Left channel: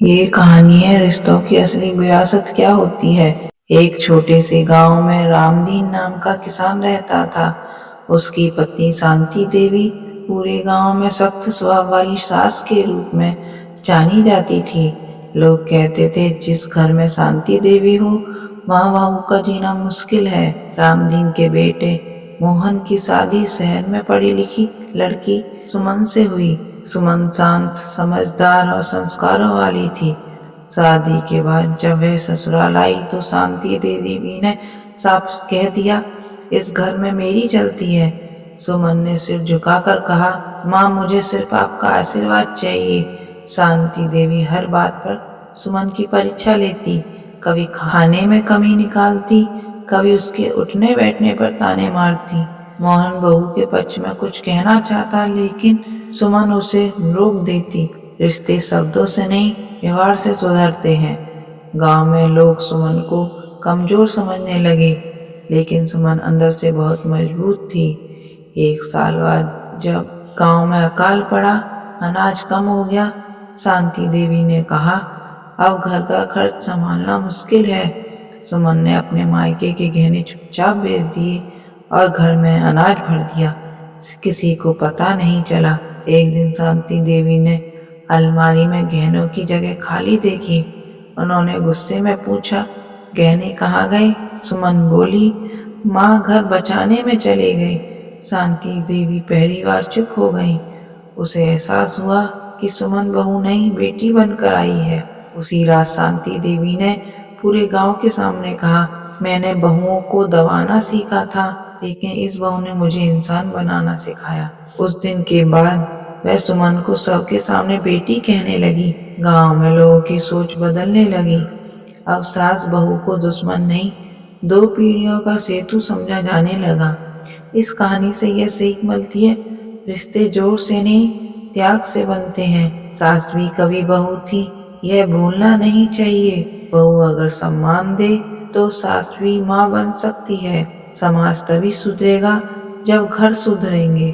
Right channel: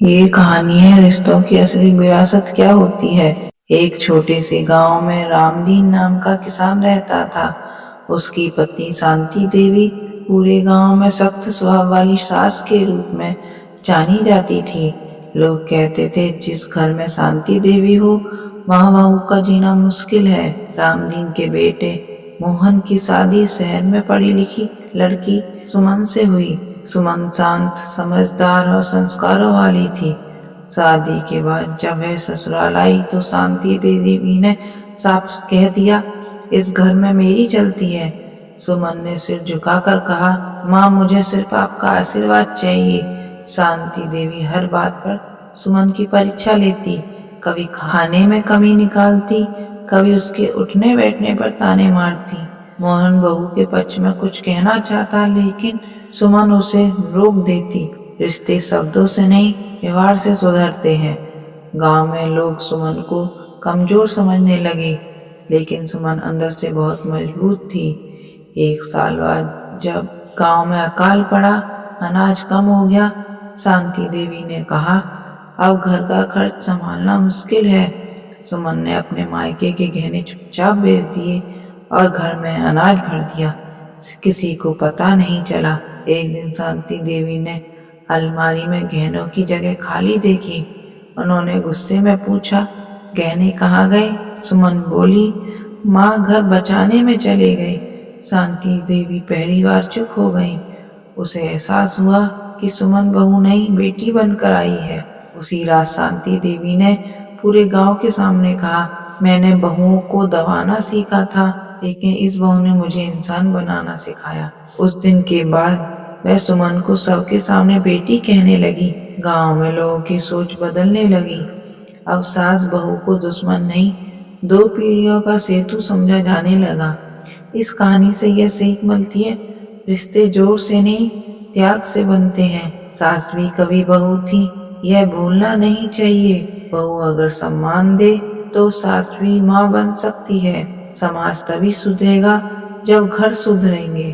ये कहानी है रिश्तों की असली विरासत क्या होती है। एक छोटे से गांव में रामदीन नाम का किसान रहता था। उसकी पत्नी शांति देवी पूरे गांव में सख्त स्वभाव वाली सास के रूप में जानी जाती थी। लोग कहते थे जिस घर में शांति देवी हो वहां बहू का जीना मुश्किल है। रामदीन के बेटे मोहन की शादी शहर में पढ़ी लिखी लड़की सुमन से हुई। सुमन शांत, समझदार और संस्कारों वाली थी। शादी के बाद जब वह ससुराल आई तो शांति देवी ने साफ कह दिया, इस घर में मेरी चलती है। सुमन ने सिर झुकाकर कहा, माँ मुझे सिर्फ आपका आशीर्वाद चाहिए। शांति देवी हर बात पर सुमन की परीक्षा लेती, कभी खाने में कमी निकालती, कभी उसके उठने बैठने पर ताने मारती। मोहन बहू के पक्ष में कुछ कहना चाहता लेकिन सुमन उसे रोक देती। रिश्ते शब्दों से नहीं व्यवहार से सुधरते हैं। गांव में लोग सुमन को कमजोर समझने लगे लेकिन सुमन अंदर से बहुत मजबूत थी। एक साल बाद जब गांव में अकाल पड़ा, अनाज कम हो गया, शांति देवी ने कहा, अब घर का खर्च संभालना मुश्किल है। सुमन ने अपने मायके के गहने चुपचाप बेच दिए और घर में अनाज भर दिया। किसी को पता नहीं चला। एक दिन शांति देवी ने अलमारी में गहनों की जगह खाली देखी। उन्होंने गुस्से में पूछा, गहने कहाँ गए? सुमन बोली, माँ घर बचाने में चले गए। शांति देवी पहली बार चुप हो गई। उसे एहसास हुआ कि सुमन बहू नहीं बेटी बनकर आई है। उसी रात शांति देवी ने पूरे गांव के सामने कहा, मैंने बहुओं को दबाना सीखा था लेकिन इस बहू ने मुझे इंसान बनाना सिखाया। उस दिन के बाद वह सुमन को सबके सामने बेटी कहने लगी। गांव में लोगों की सोच बदलने लगी। अब सास बहू को दुश्मन नहीं, दो पीढ़ियों का सेतु समझा जाने लगा। इस कहानी से यह सीख मिलती है, रिश्ते जोर से नहीं त्याग से बनते हैं। सास भी कभी बहू थी, यह भूलना नहीं चाहिए। बहू अगर सम्मान दे तो सास भी माँ बन सकती है। समाज तभी सुधरेगा जब घर सुधरेंगे।